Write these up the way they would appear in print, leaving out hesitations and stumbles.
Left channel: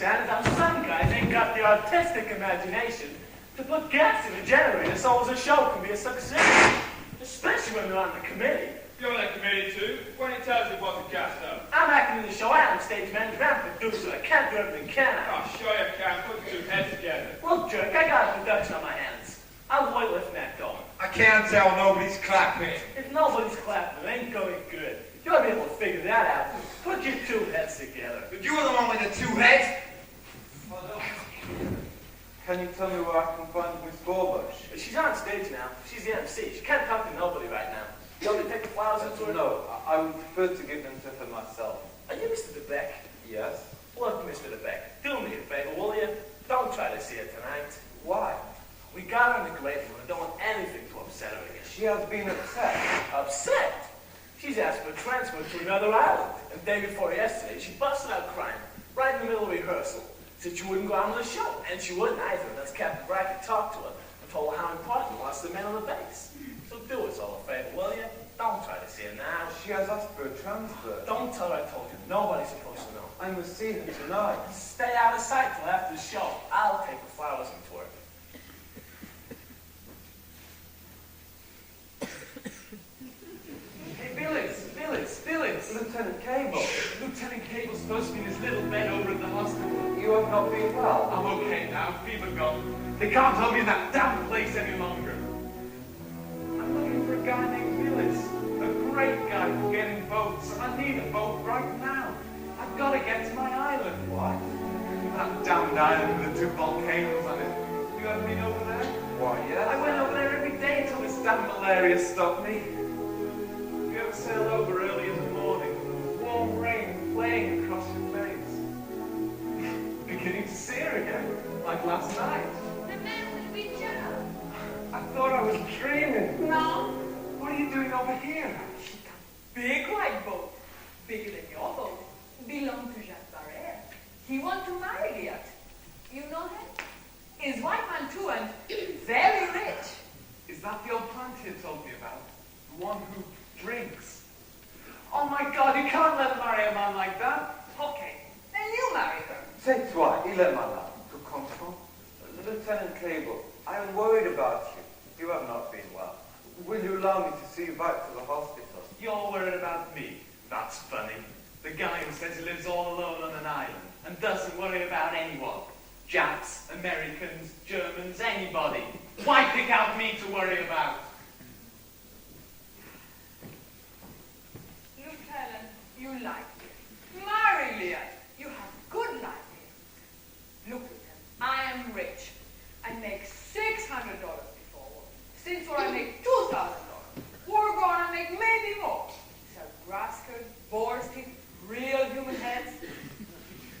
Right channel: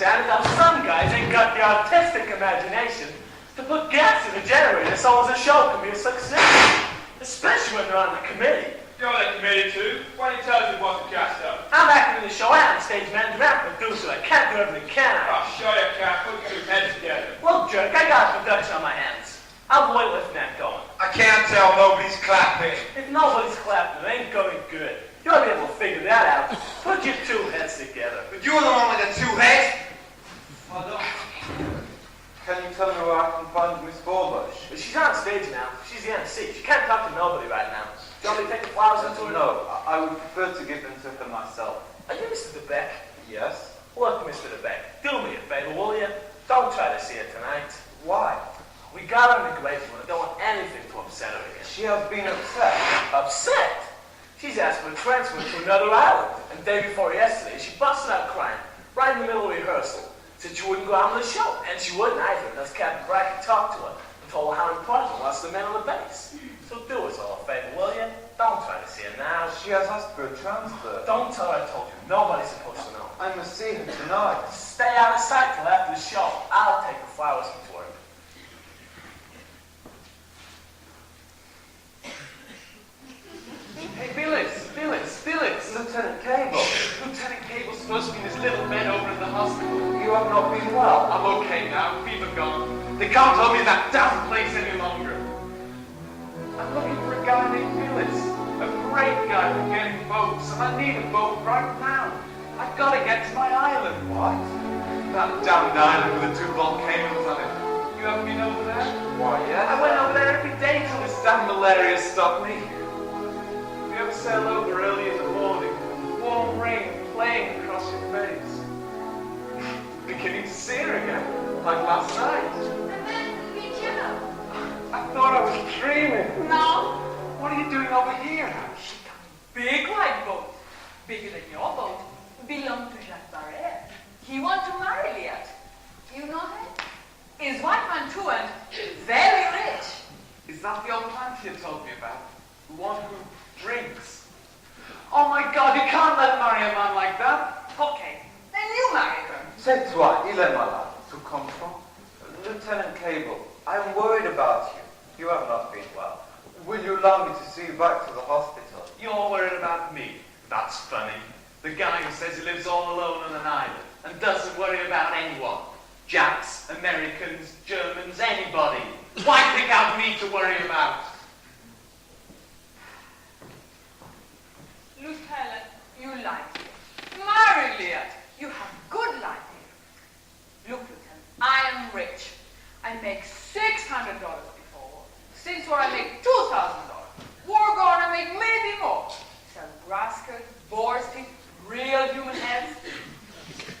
understand is how some guys ain't got the artistic imagination to put gas in a generator so as a show can be a success. Especially when they're on the committee. You're on the committee too? Why don't you tell us it wasn't gas up? I'm acting in the show. I am stage manager and producer. I can't do everything, can I? Oh, sure you can. Put two heads together. Well, jerk, I got production on my hands. I'll wait with tell nobody's clapping. If nobody's clapping, it ain't going good. You ought to be able to figure that out. Put your two heads together. But you're the one with the two heads. Can you tell me where I can find Miss Forbush? She's on stage now. She's the MC. She can't talk to nobody right now. You want me to take the flowers into her? No, I would prefer to give them to her myself. Are you Mr. DeBeck? Yes? Look, Mr. DeBeck, do me a favor, will you? Don't try to see her tonight. Why? We got her in the great one and don't want anything to upset her again. She has been upset. Upset? She's asked for a transfer to another island. And the day before yesterday, she busted out crying right in the middle of rehearsal. Said she wouldn't go out on the show. And she wouldn't either. And as Captain Brackett talked to her and told her how important it was to the men on the base. So do us all a favor, will you? Don't try to see her now. She has asked for a transfer. Don't tell her I told you. Nobody's supposed to know. I must see her tonight. Stay out of sight till after the show. I'll take the flowers into her. Hey, Phyllis. Lieutenant Cable, Lieutenant Cable's supposed to be this little man over in the hospital. you have not been well. I'm okay now. Fever gone. They can't hold me in that damn place any longer. I'm looking for a guy named Phyllis. A great guy for getting boats. And I need a boat right now. I've got to get to my island. What? That damned island with the two volcanoes on it. You haven't been over there? Why, yes? I went up there every day till this damn malaria stopped me. You ever sail over early in the morning? Warm rain playing across your face. Beginning to see her again, like last night. I thought I was dreaming. No, What are you doing over here? big white boat, bigger than your boat, belonged to Jacques Barret. He want to marry Liat. You know him? His wife man too, and very rich. Is that the old plant you told me about? The one who drinks? Oh my God, you can't let marry a man like that. Okay, then you marry her. C'est toi, il est malade. Tu comprends? Lieutenant Cable, I am worried about you. You have not been well. Will you allow me to see you back to the hospital? You're worried about me. That's funny. The guy who says he lives all alone on an island and doesn't worry about anyone. Japs, Americans, Germans, anybody. Why pick out me to worry about? Lieutenant, you like it. Marry Liat. You have good life here. Look, Lieutenant, I am rich. I make $600 before war. Since war, I make $2,000. War gone, I make maybe more. Sell grass skirts, boar's teeth, real human heads.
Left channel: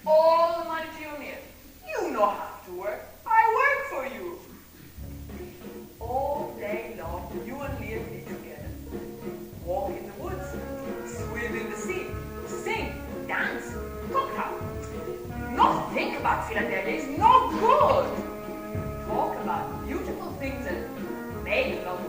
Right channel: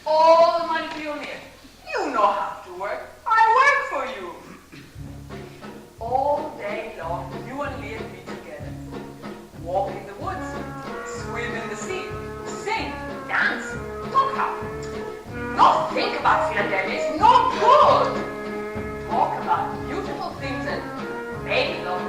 All the money for you near. You know how to work. I work for you. All day long, you and Liat meet together. Walk in the woods, swim in the sea, sing, dance, talk how. Not think about Philadelphia, it's not good. Talk about beautiful things and maybe love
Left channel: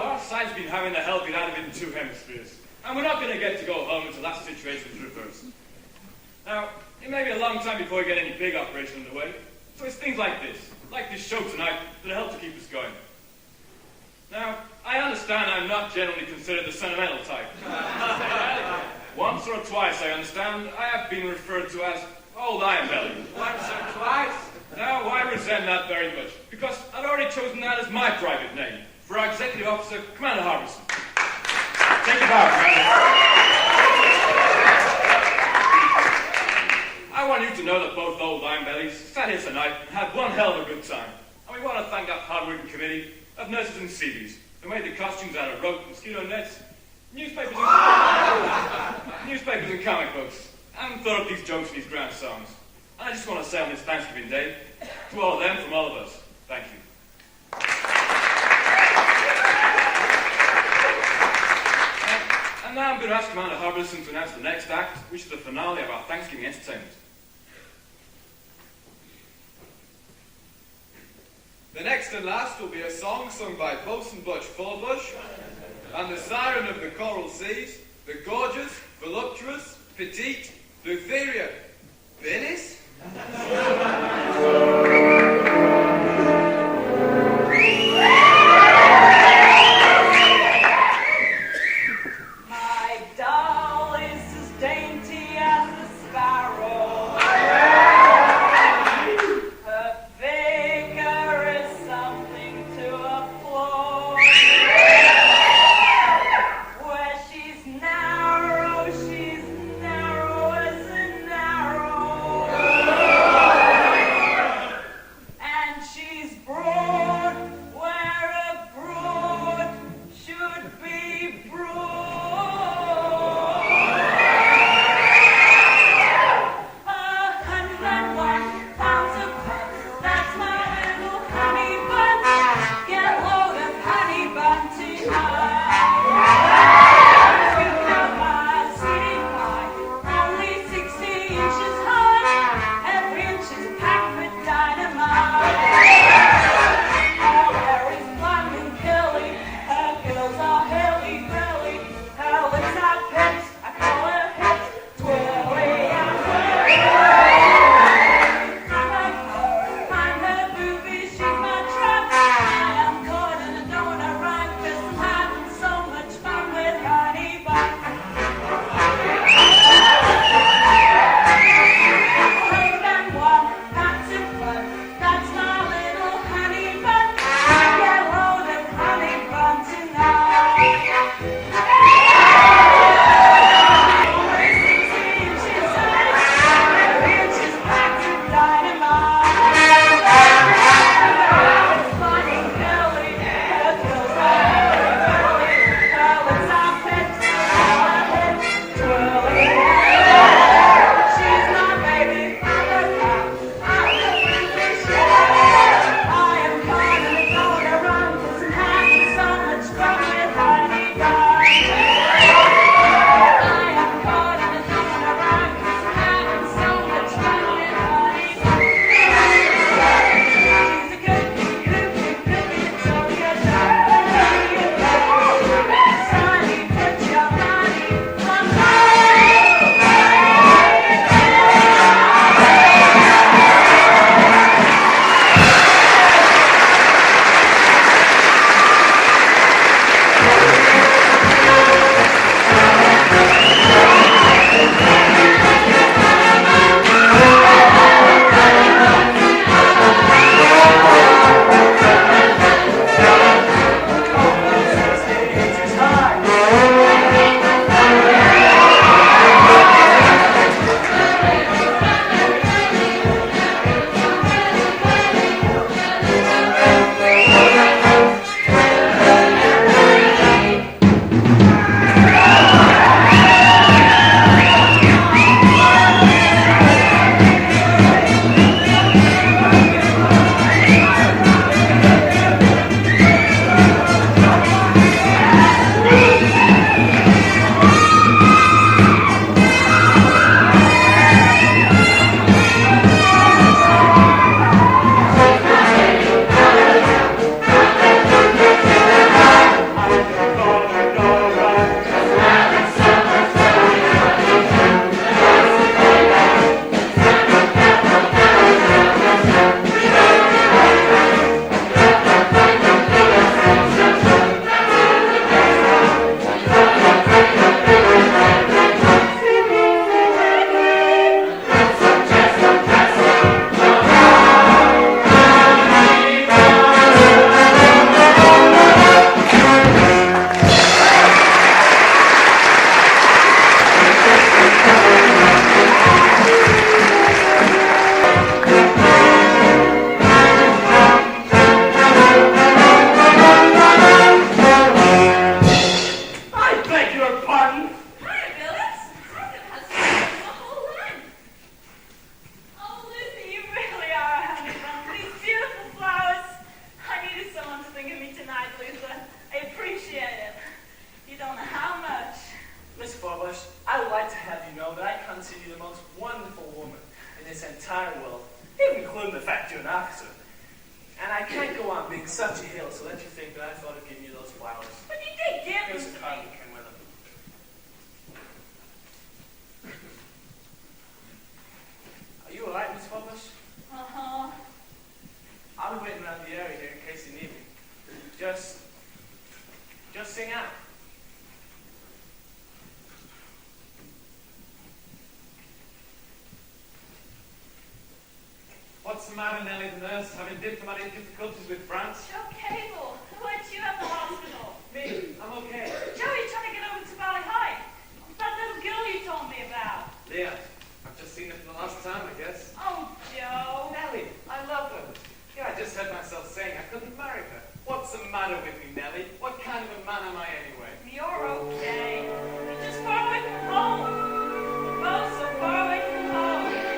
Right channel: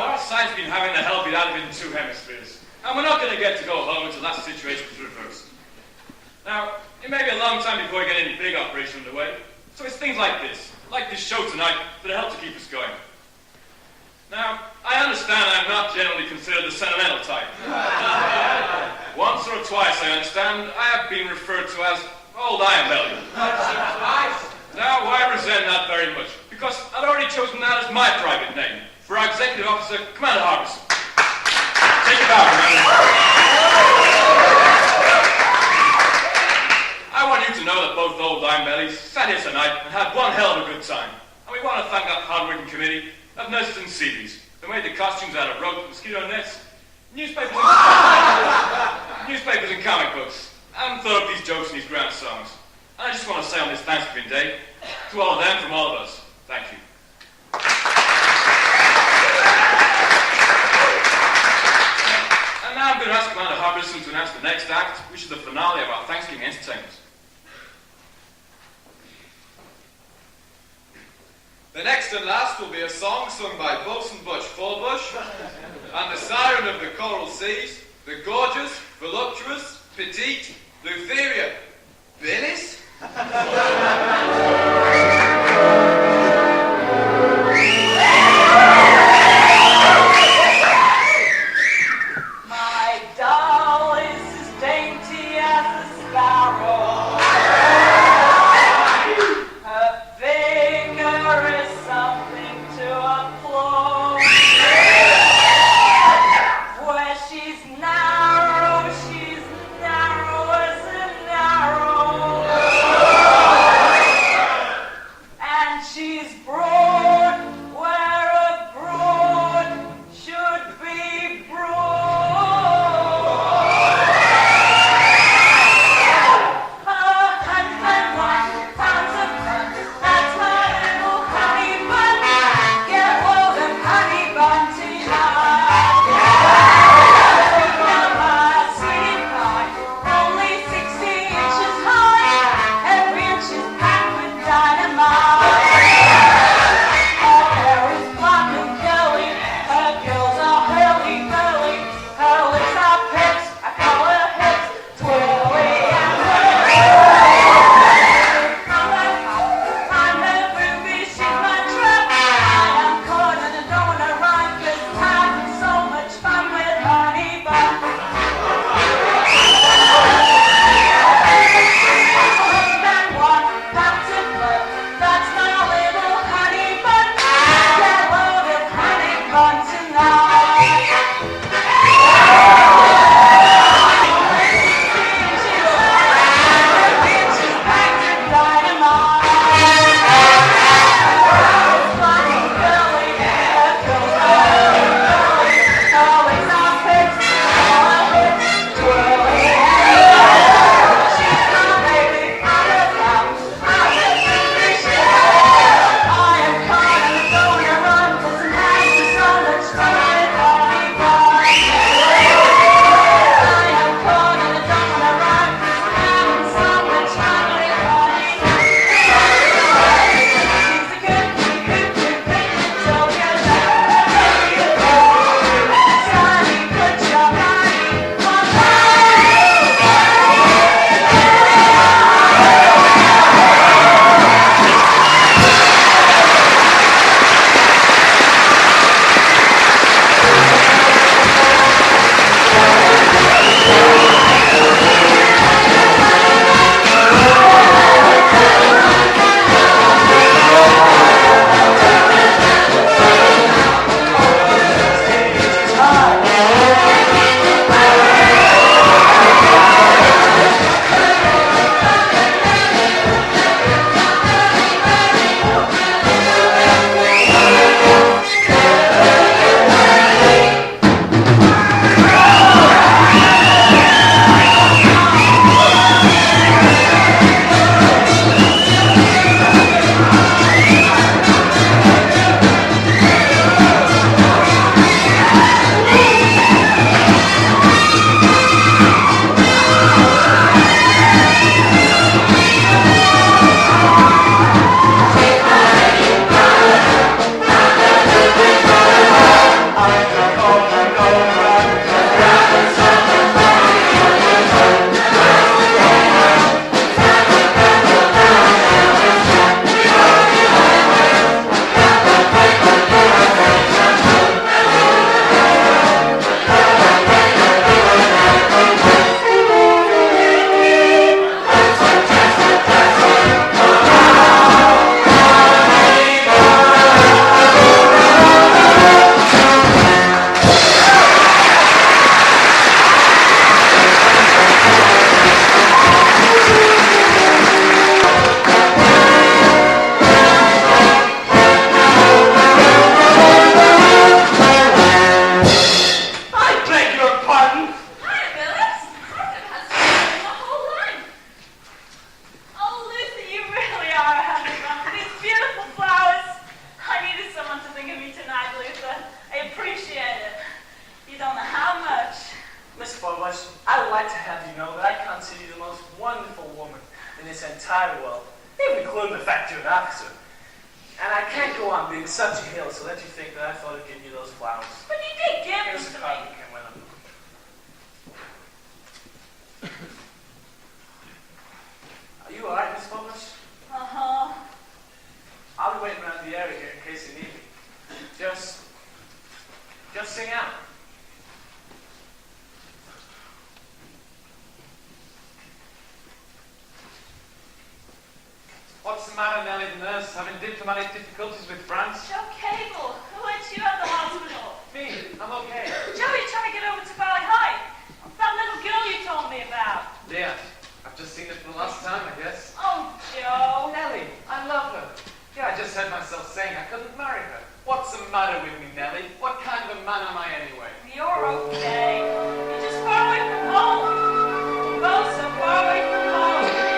Now, our side's been having the hell beat out of it in two hemispheres, and we're not going to get to go home until that situation is reversed. Now, it may be a long time before we get any big operation underway, so it's things like this show tonight, that help to keep us going. Now, I understand I'm not generally considered the sentimental type. Once or twice, I understand, I have been referred to as Old Iron Belly. Once or twice? Now, why resent that very much? Because I'd already chosen that as my private name for our Executive Officer, Commander Harbison. Take it back, I want you to know that both Old Iron Bellies sat here tonight and had one hell of a good time. And we want to thank that hard-working committee of nurses and seabees who made the costumes out of rope and mosquito nets, newspapers and comic books, and thought up these jokes and these grand songs. And I just want to say on this Thanksgiving Day, to all of them from all of us, thank you. And now I'm going to ask Commander Harbison to announce the next act, which is the finale of our Thanksgiving entertainment. The next and last will be a song sung by Boatswain Butch Fullbush and the siren of the coral seas, the gorgeous, voluptuous, petite, Lutheria Billis. My doll is as dainty as a sparrow. Her figure is something to applaud. Where she's narrow as a narrow. Forbush, I would like to have you know that I consider you the most wonderful woman in this entire world, even including the fact you're an officer. And I can't go on being such a heel to let you think that I thought of giving you those flowers. But you did give them Here's to a card me. that came with them. Are you alright, Miss Forbush? Uh-huh. I'll be waiting around the area here in case you need me. Just sing out. What's the matter, Nellie the nurse? Having diplomatic difficulties with France? Joe Cable, who let you at the hospital? Me, I'm okay. Joe, you're trying to get over to Valley High. That little girl you told me about. Yeah, I've just seen it for the last time, I guess. Oh, Joe. Nellie, I love her. Yeah, I just heard myself saying I couldn't marry her. What's the matter with me, Nellie? What kind of a man am I anyway? You're okay. You're just far away from home. Oh, so far away from home.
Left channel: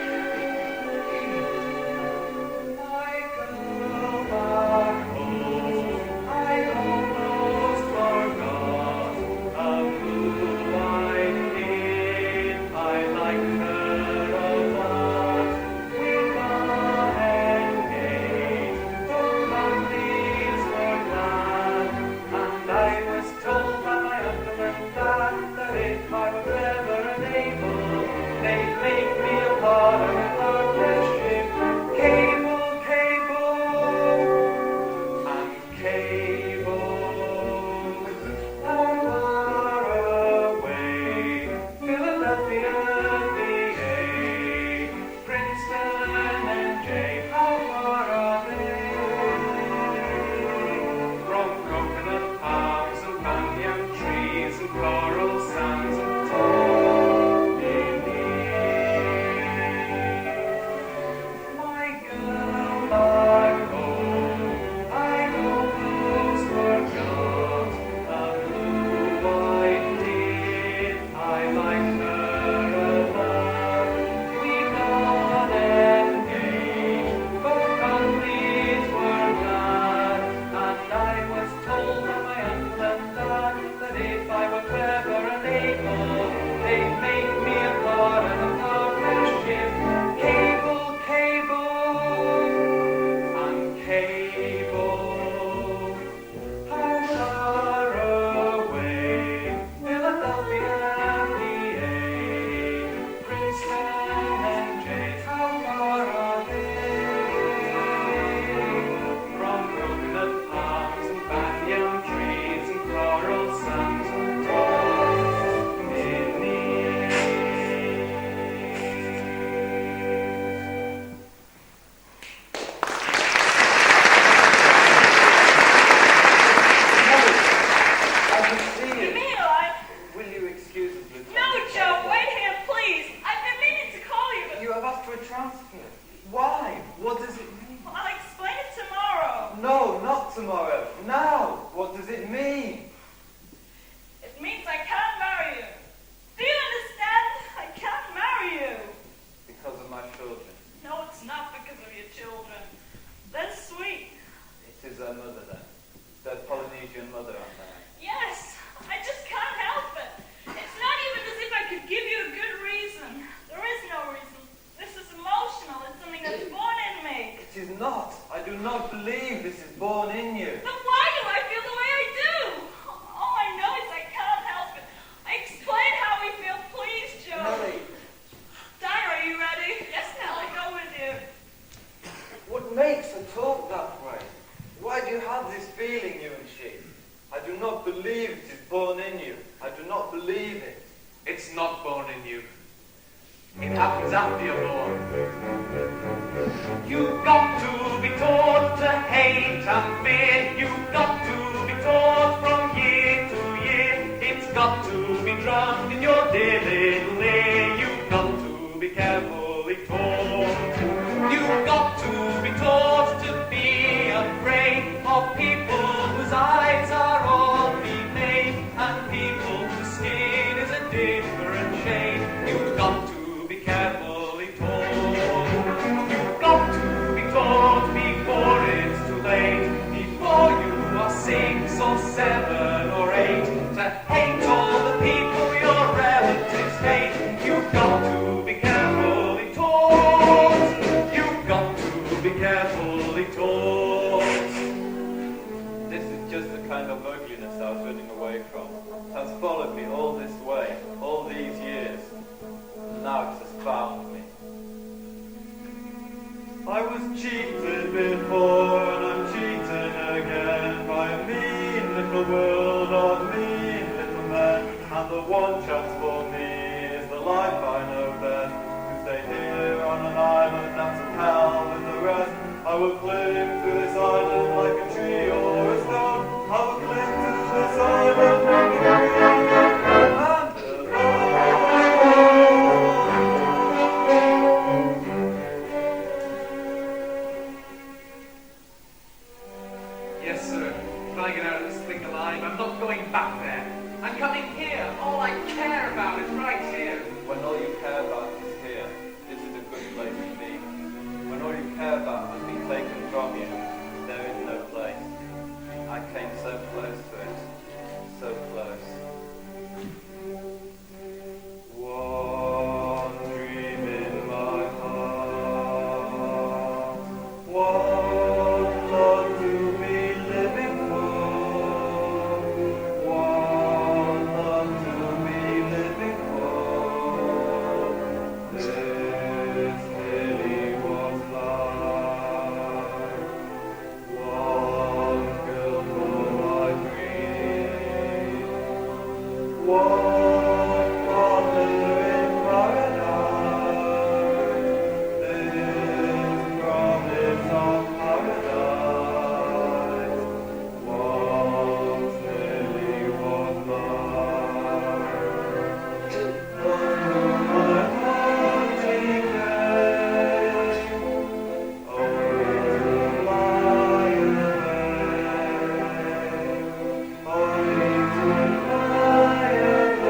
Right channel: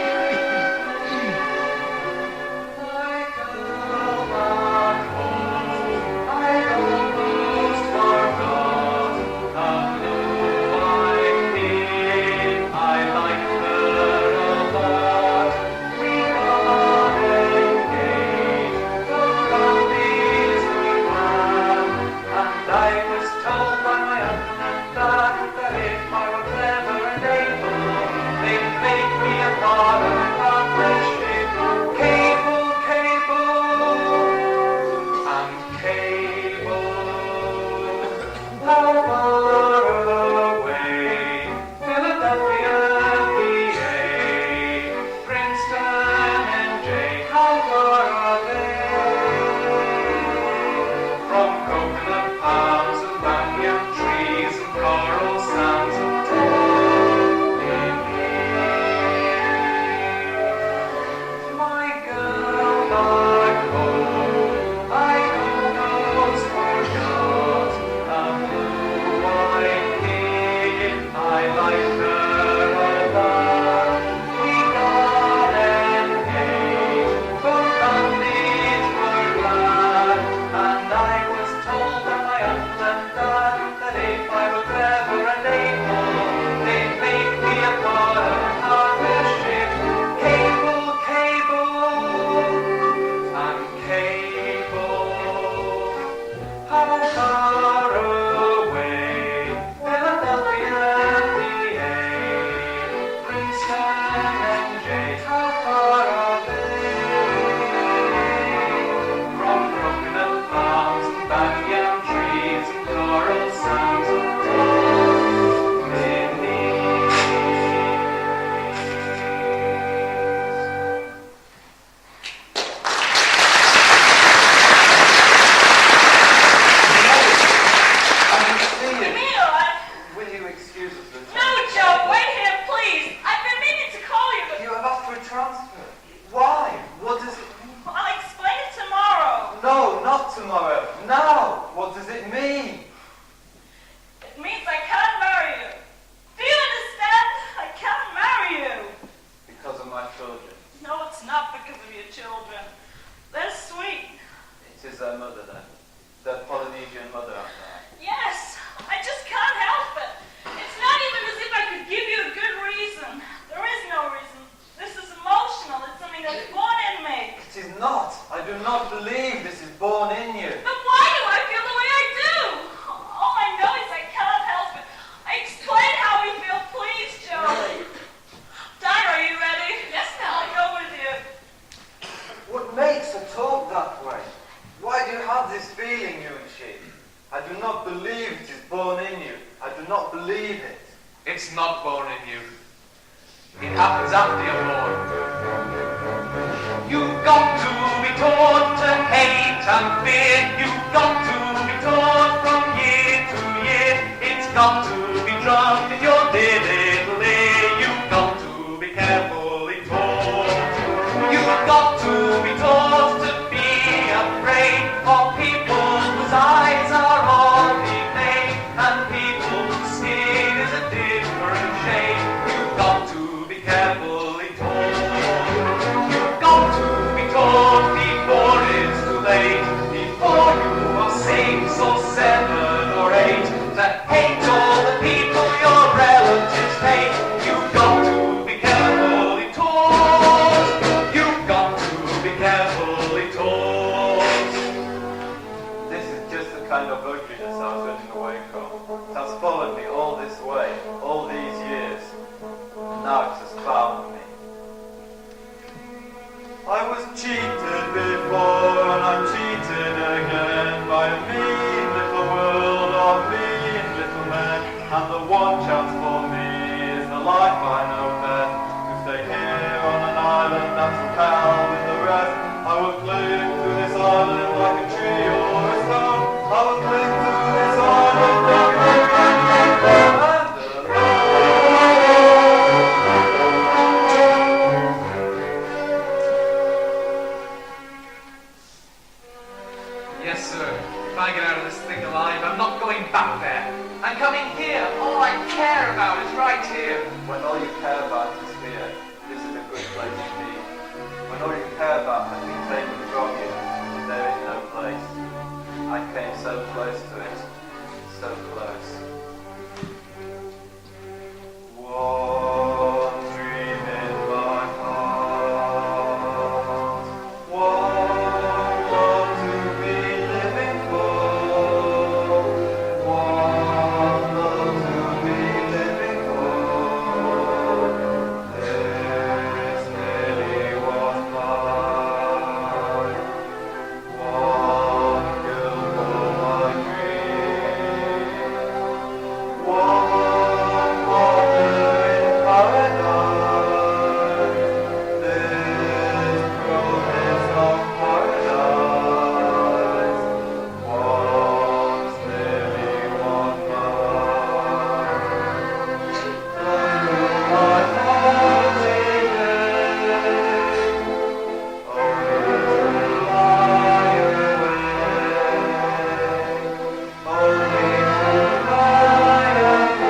tomorrow. Now, what does it mean? It means I can't marry you. Do you understand? I can't marry you. Because of my children. No, it's not because of your children. They're sweet. It is their mother then. Their Polynesian mother, aren't they? Yes, I just can't help it. It's not even as if I could give you a good reason. There is no reason. This is emotional. It's something that's born in me. It is not. I do not believe this is born in you. But why do I feel the way I do? All I know is I cannot help it. I explain how we feel. Please, Joe. Nelly. Dara, are you ready? Yes, Nelly. I'll go with you. What makes her talk that way? Why do you have this feeling, you and she? I do not believe it is born in you. I do not believe it. It's not born in you. It happens after you're born. You've got to be taught to hate and fear. You've got to be taught from year to year. It's got to be drummed in your dear little ear. You've got to be carefully taught. You've got to be taught to be afraid of people whose eyes are all made and people whose skin is a different shade. You've got to be carefully taught. You've got to be taught before it's too late, before you are 6 or 7 or 8, to hate all the people you're loneliness I was running away from. It has followed me all this way, all these years, and now it has found me. I was cheated before and I'm cheated again by a mean little world of mean little men, and the one chance for me is the life I know best. To stay here on an island that's in hell with the rest. I will cling to this island like a tree or a stone. I will cling to this island like a Yes, sir. If I get out of this thing alive, I'm not going back there. I'm coming here. All I care about is right here. When all you care about is here, this is a good place to be. When all you care about has been taken from you, there is no place. I came so close to it, so close. One dream in my heart, one love to be living for, one love to be living for. This lily was mine, one girl for my dream, one mother in paradise. This promise of paradise, once lily was mine. My holiness, only to lie away, only to lie away.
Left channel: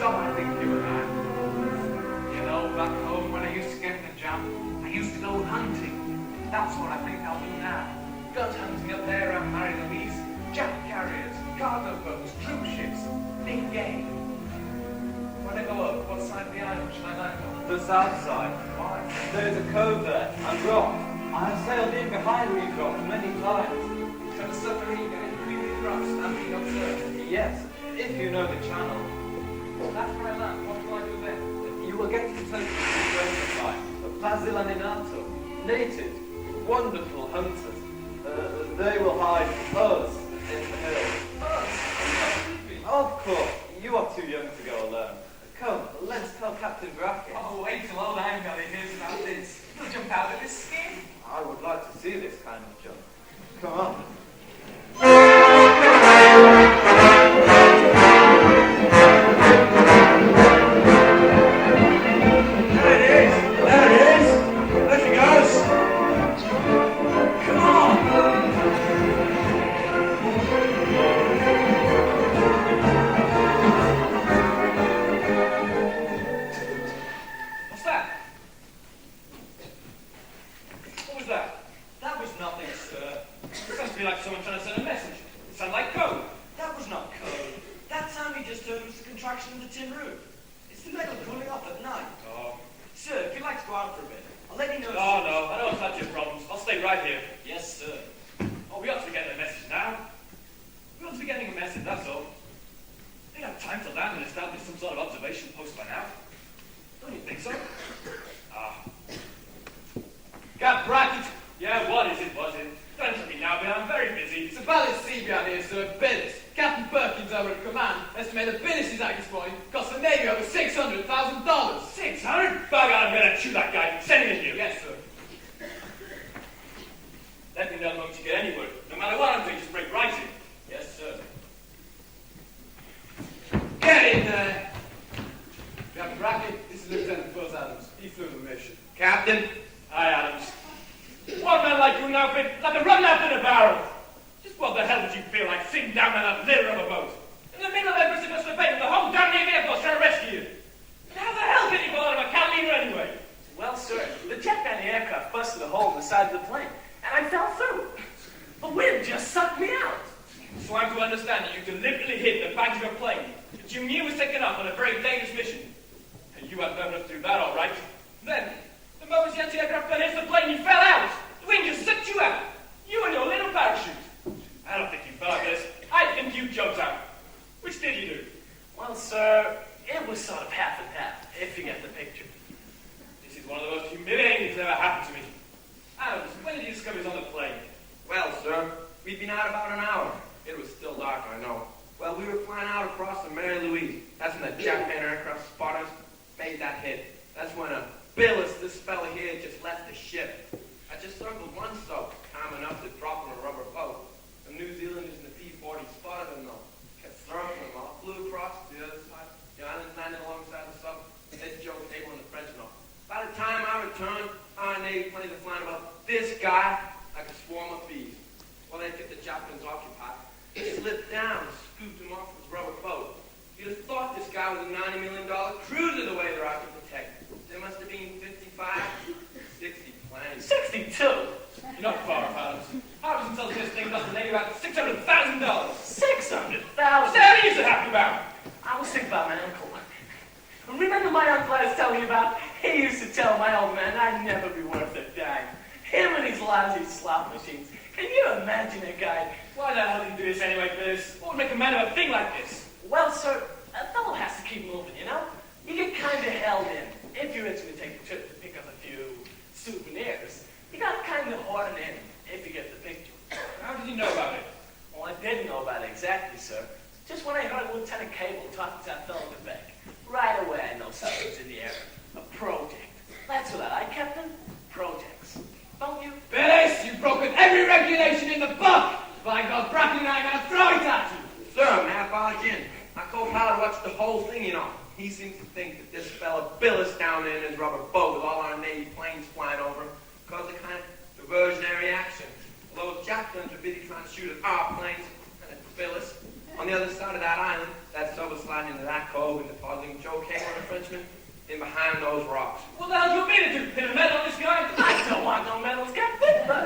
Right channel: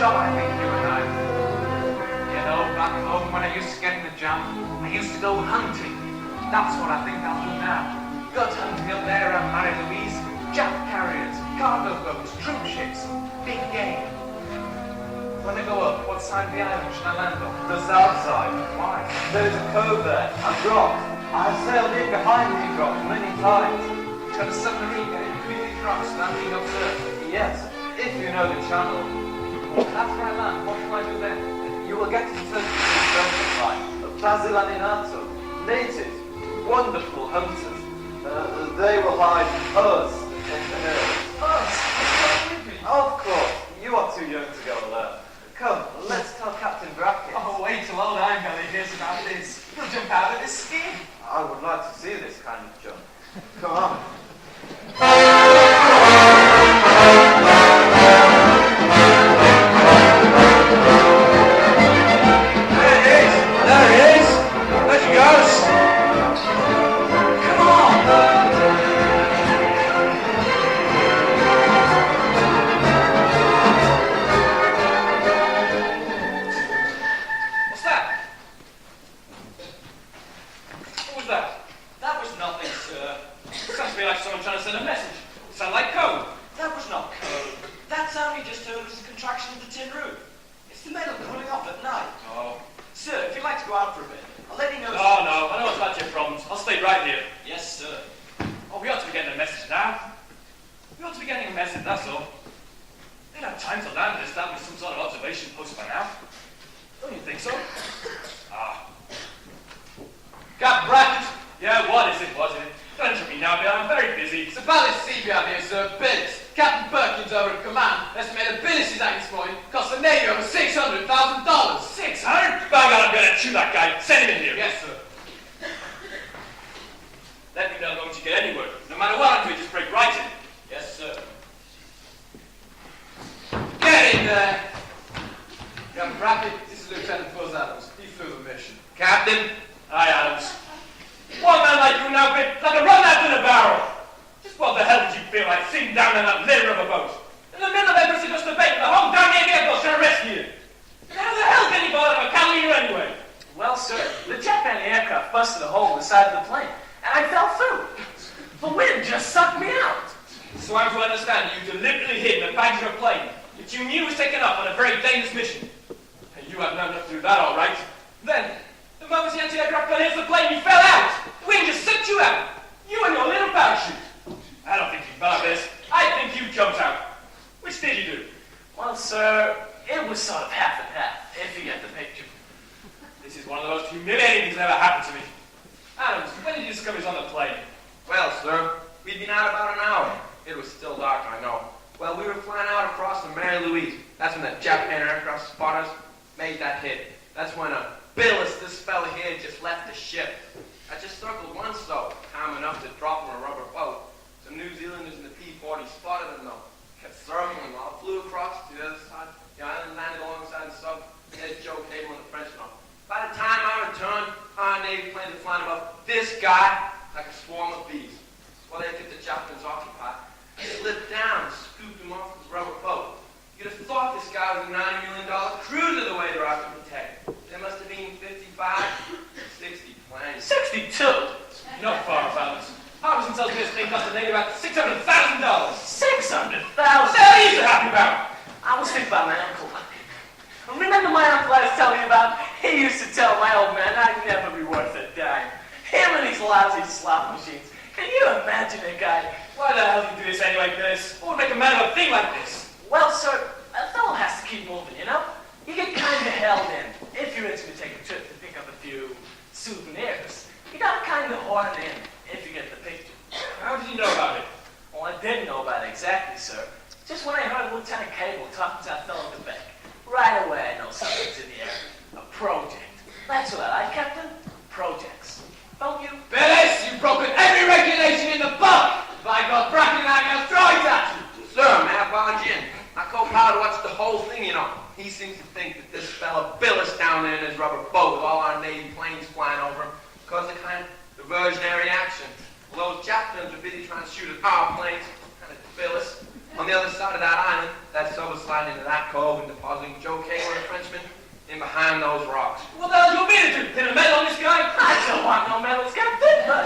job, I think, you and I. You know, back home when I used to get in the jam, I used to go hunting. That's what I think I'll do now. Go hunting up there around Mary Louise, jam carriers, cargo boats, troop ships, big game. When I go up, what side of the island should I land on? The south side. Why? There is a cove there, and rocks. I have sailed in behind these rocks many times. Got a submarine in between these rocks and I'm being observed. Yes, if you know the channel. That's where I land. What do I do then? You will get to Turkey of Basil and Inato, natives, wonderful hunters. They will hide us in the hills. Us? Of course, you are too young to go alone. Come, let's tell Captain Brackett. Oh, wait till old Angeli hears about this. He'll jump out of his skin. I would like to see this kind of jump. Come on. On the other side of that island, that someone's lying in that cove in the puddling Joe Cable, the Frenchman, in behind those rocks. What the hell do you want me to do? Pin a medal on this guy? I don't want no medals, Captain, but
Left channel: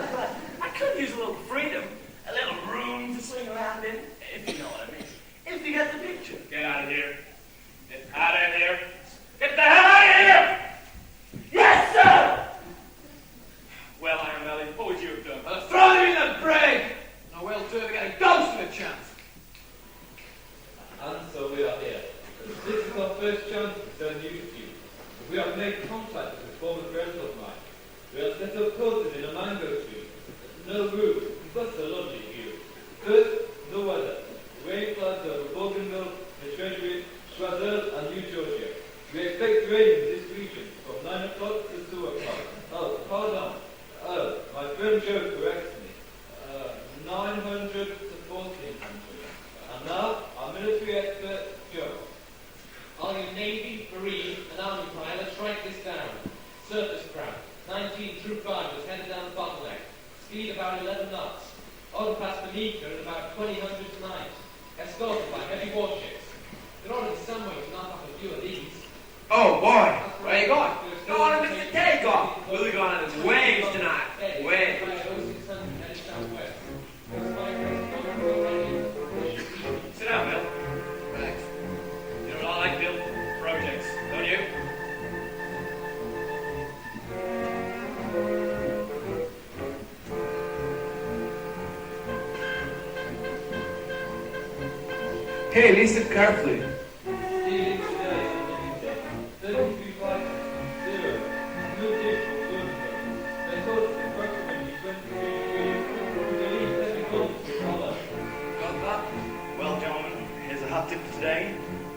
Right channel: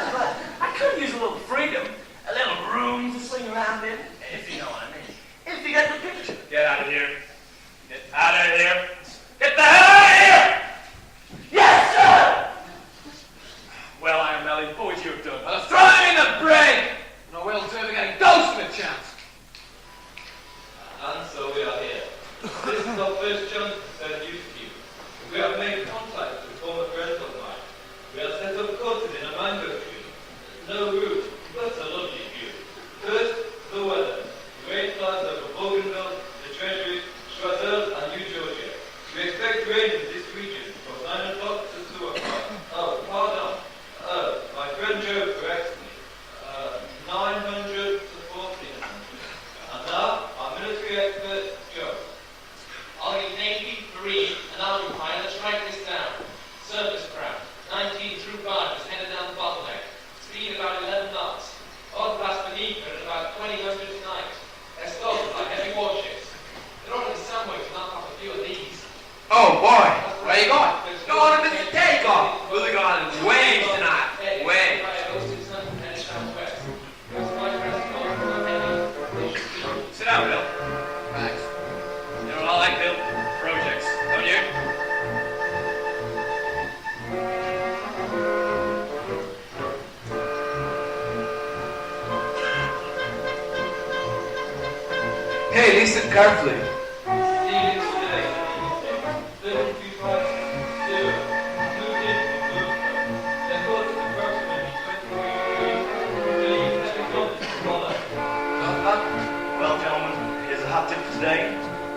I could use a little freedom, a little room to swing around in, if you know what I mean. If you get the picture. Get out of here. Get out of here. Get the hell out of here! Yes, sir! Well, I am Ellie. What would you have done? I'll throw them in the brain! No will do if we get a ghost of a chance. And so we are here. This is our first chance to send you to you. We have made contact with former friends of mine. We have set up courses in a mango tree. No route, but a lovely view. First, the weather. Great clouds over Bougainville, the Treasury, Choiseul, and New Georgia. We expect rain in this region from 9 o'clock to 2 o'clock. Oh, pardon. My friend Joe corrects me. 900 to 1400. And now, our military expert, Joe. I'll give Navy, Marine, and Army pilot. Let's write this down. Surface craft, 19 through 5, is headed down the bottleneck. Speed about 11 knots. On past beneath her at about 2000 tonight. Escorted by heavy warships. They're on the subway to knock off a few of these. Oh, boy. Where are you going? Go on and visit takeoff. We'll be going on waves tonight. Waves. Sit down, Bill. Thanks. You know what I like, Bill? Projects. Don't you? Hey, listen carefully. Stealing today, 3250. Moved in from Bougainville. Their course is approximately 23 degrees. We believe heavy guns will follow. Well, gentlemen, here's a hot tip for today.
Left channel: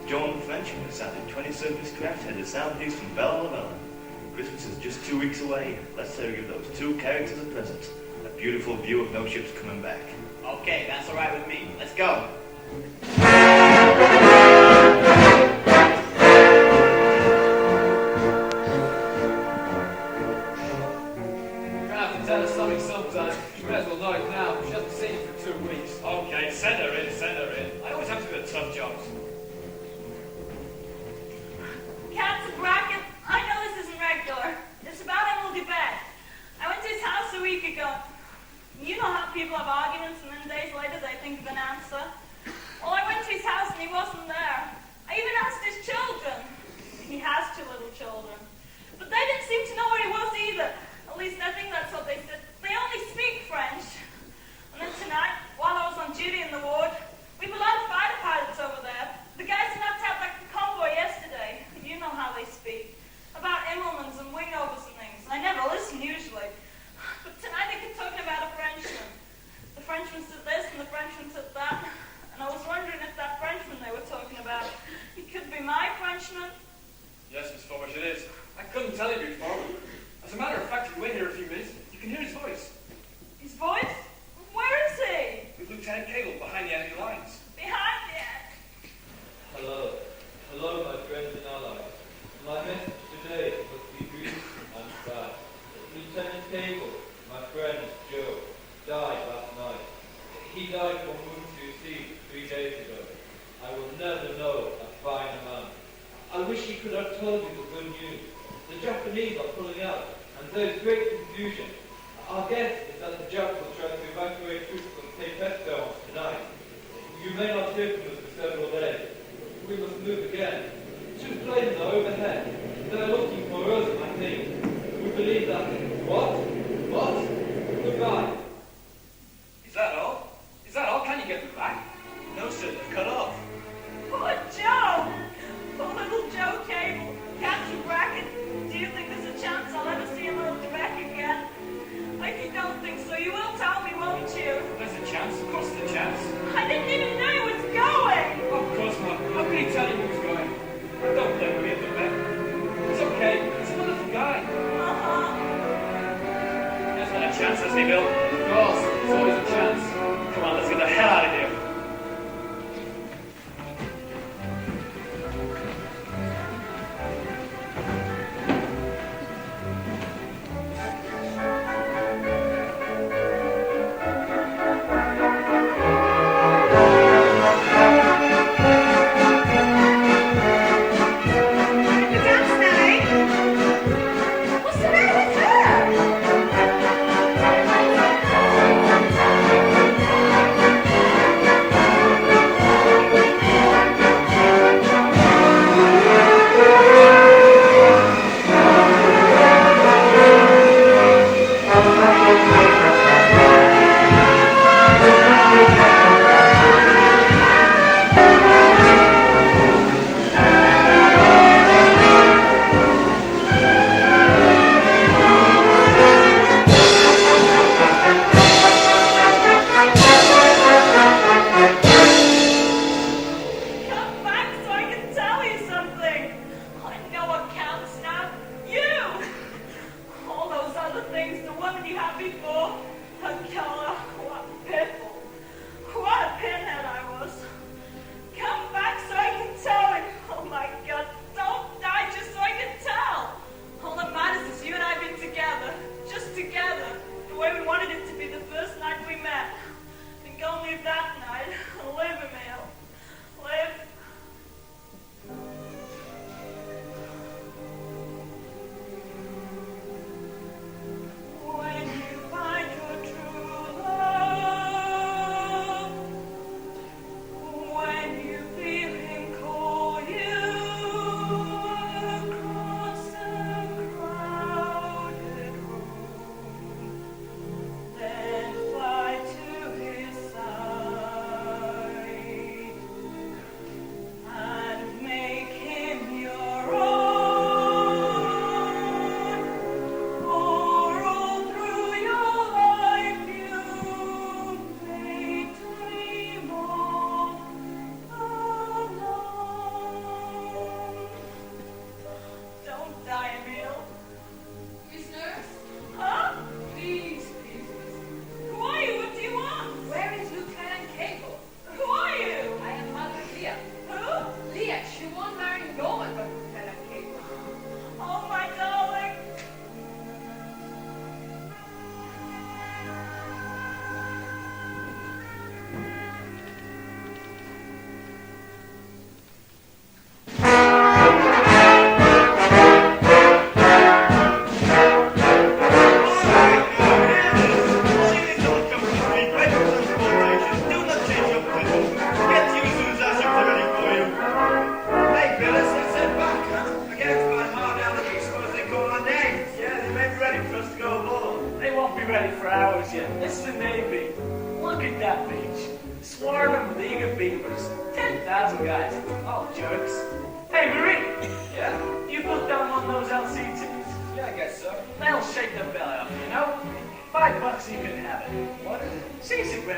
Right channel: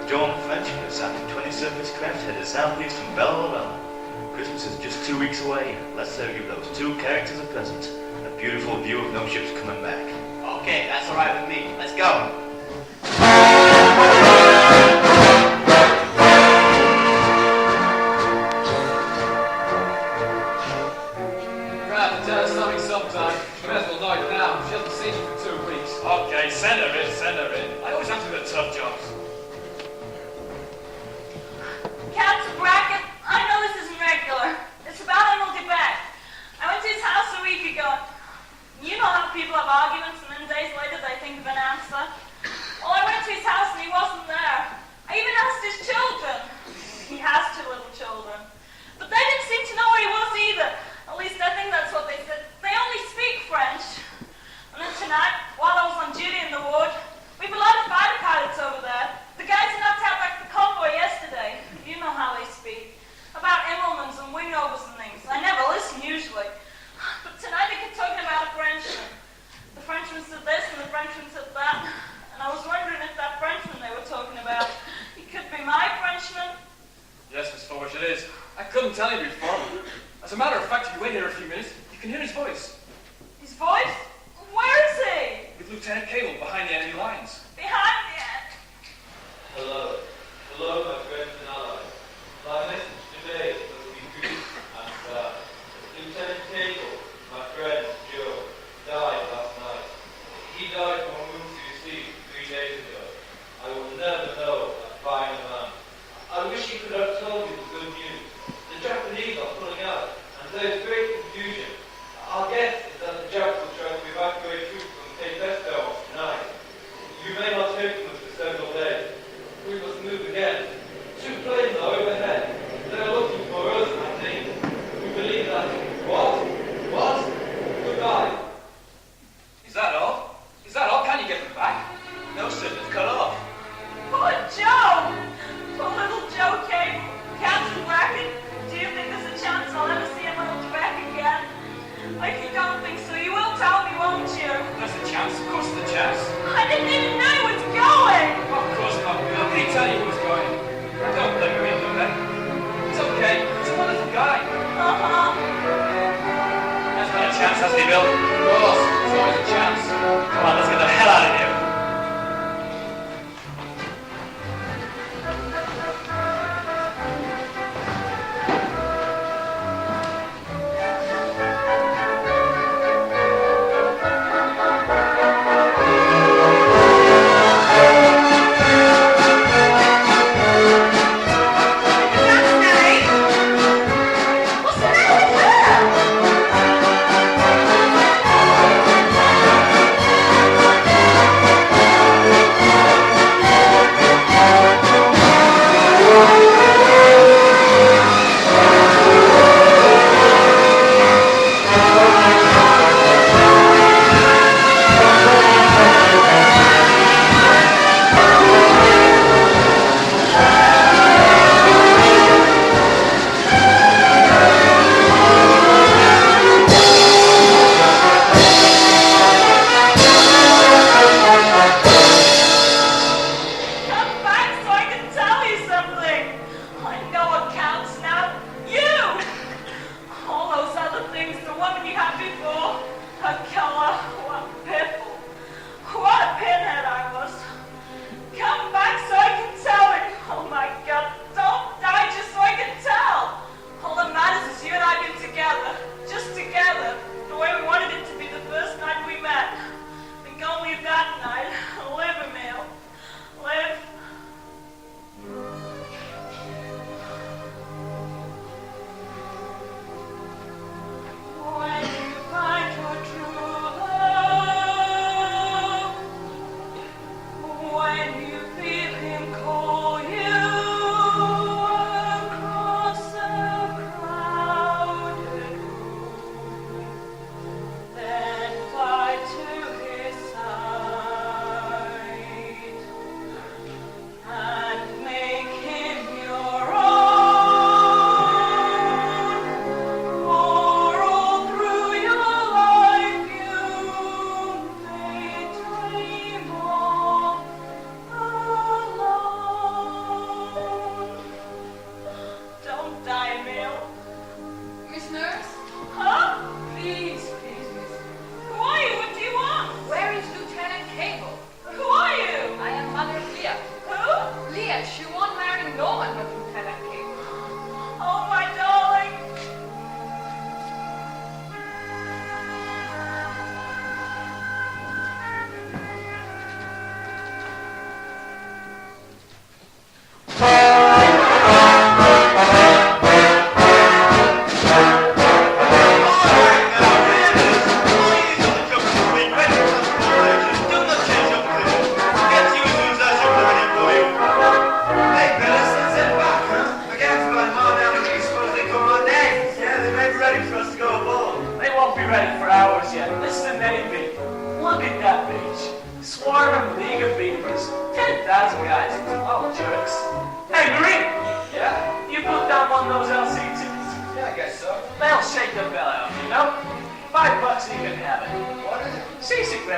John Frenchman is after 20 surface craft headed southeast from Bella. Christmas is just 2 weeks away. Let's give those two characters a present. A beautiful view of no ships coming back. Okay, that's all right with me. Let's go. You're gonna have to tell us something sometime. She may as well know it now. She hasn't seen you for 2 weeks. Okay, send her in, send her in. I always have to do the tough jobs. Captain Brackett, I know this isn't regular. It's about Emily Beck. I went to his house a week ago. You know how people have arguments and then days later they think of an answer. Well, I went to his house and he wasn't there. I even asked his children. He has 2 little children. But they didn't seem to know where he was either. At least I think that's what they said. They only speak French. And then tonight, while I was on duty in the ward, we have a lot of fighter pilots over there. The guys enough to have like the convoy yesterday. You know how they speak. About Immelmans and wingovers and things. I never listen usually. But tonight they kept talking about a Frenchman. The Frenchman said this and the Frenchman said that. And I was wondering if that Frenchman they were talking about, he could be my Frenchman. Yes, Miss Forge, it is. I couldn't tell you before. As a matter of fact, if you wait here a few minutes, you can hear his voice. His voice? Where is he? With Lieutenant Cable behind the enemy lines. Behind me. Hello. Hello, my friends and allies. My message today must be brief and sad. Lieutenant Cable, my friend Joe, died last night. He died from wounds he received 3 days ago. I will never know a finer man. I wish he could have told you the good news. The Japanese are pulling out, and there's great confusion. Our guess is that the Japs will try to evacuate troops from Cape Estel tonight. You may not hear from us for several days. We must move again. 2 planes are overhead. They are looking for us, I think. We believe that. What? What? Goodbye. Is that all? Is that all? Can you get them back? No, sir, they've cut off. Poor Joe! Poor little Joe Cable. Captain Brackett, do you think there's a chance I'll ever see him on back again? If you don't think so, you will tell me, won't you? There's a chance. Of course there's a chance. I didn't even know he was going!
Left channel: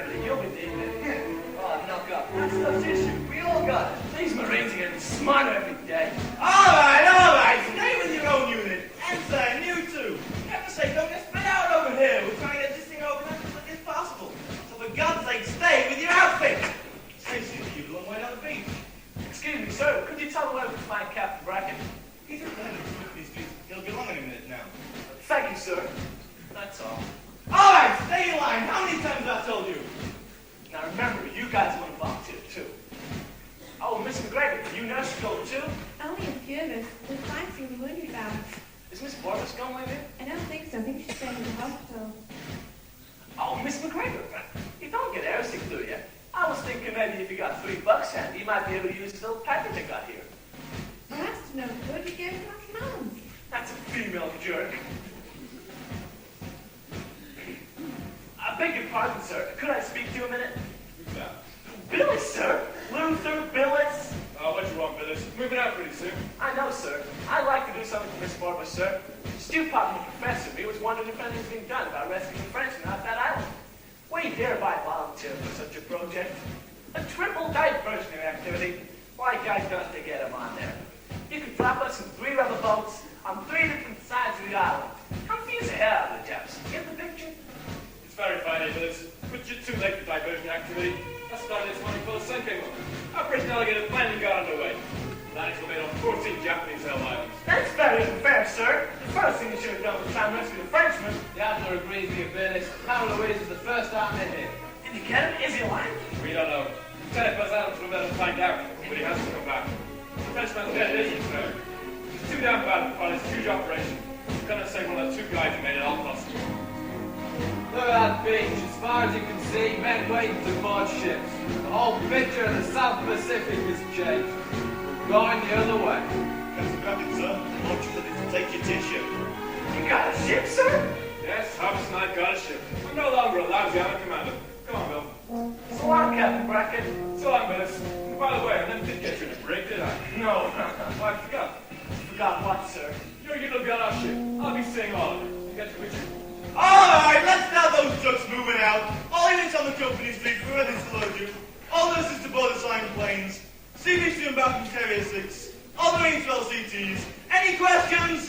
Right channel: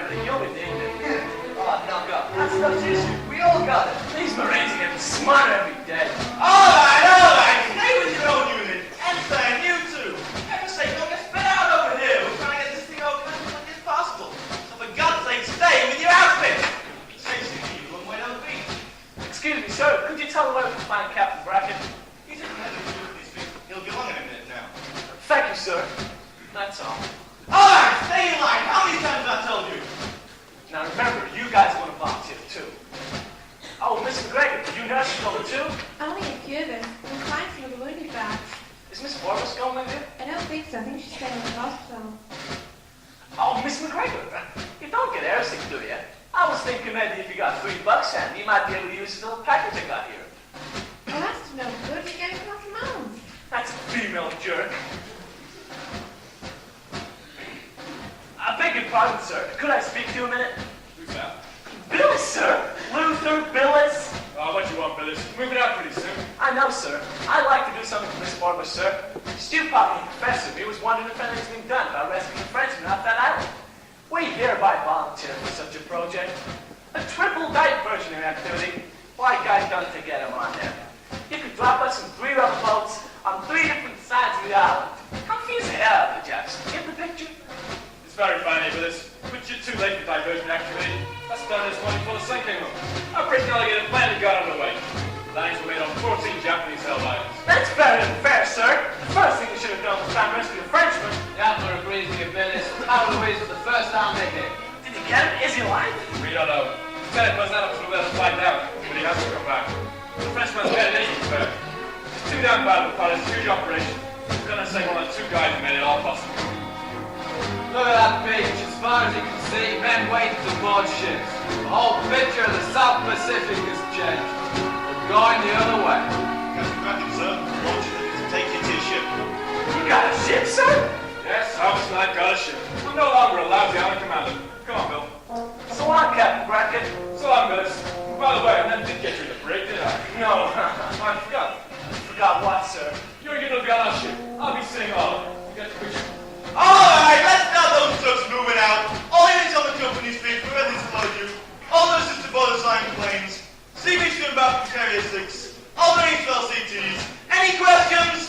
Billy. You'll be needed. Oh, knock up. That's no issue. We all got it. These Marines are getting smarter every day. All right. Stay with your own unit. And Sam, you too. Heaven's sake, don't get spit out over here. We're trying to get this thing over as quickly as possible. So for God's sake, stay with your outfit. Seriously, you and wait on the beach. Excuse me, sir. Could you tell me where we can find Captain Brackett? He's in the these people. He'll be along in a minute now. Thank you, sir. That's all. All right, stay in line. How many times have I told you? Now remember, you guys want to volunteer too. Oh, Miss McGregor, you nurses going too? Only a few of us. We're fine from the wounded bags. Is Miss Morris going with you? I don't think so. I think she's staying in the hospital. Oh, Miss McGregor, you don't get airsick, do you? I was thinking maybe if you got $3 handy, you might be able to use this little package I got here. Well, that's no good. We gave it off your mouth. That's a female jerk. I beg your pardon, sir. Could I speak to you a minute? Who's that? Billis, sir. Luther Billis. Oh, what you want, Billis? Move it out pretty soon. I know, sir. I'd like to do something for Miss Morris, sir. Stu Poppy, Professor, he was wondering if anything's been done about rescuing a Frenchman off that island. We hereby volunteer for such a project. A triple diversionary activity. Why guys don't they get him on there? You could drop us in 3 rubber boats on 3 different sides of the island. Confuse the hell out of the Japs. Get the picture? It's very funny, Billis. But you're too late for diversion activity. I started this morning full of sinking room. Our British alligator finally got underway. Lines were made on 14 Japanese held islands. That's very unfair, sir. The first thing you should have done was try and rescue a Frenchman. The Admiral agrees with you, Billis. Power Louise was the first arm they hit. Did you get him? Is he alive? We don't know. Lieutenant Buzz Adams will let us find out, but he has to come back. The Frenchman's dead, and he's back. It's too damn bad for this huge operation. I'm gonna say one of the 2 guys who made it all possible. Look at that beach. As far as you can see, men waiting to board ships. The whole picture of the South Pacific has changed. We're going the other way. Captain Brackett, sir. I want you to take you to your ship. You got a ship, sir? Yes, Hobbs and I got a ship. I'm no longer a lousy island commander. Come on, Bill. So long, Captain Brackett. So long, Billis. By the way, I never did get you to break, did I? No, I forgot. Forgot what, sir? You're going to be on our ship. I'll be seeing all of it. You got your picture? All right, let's start those trucks moving out. All units on the company street, we're ready to load you. All those just to board assigned planes. CB inbound from Carrier 6. All Marines for LCTs. Any questions?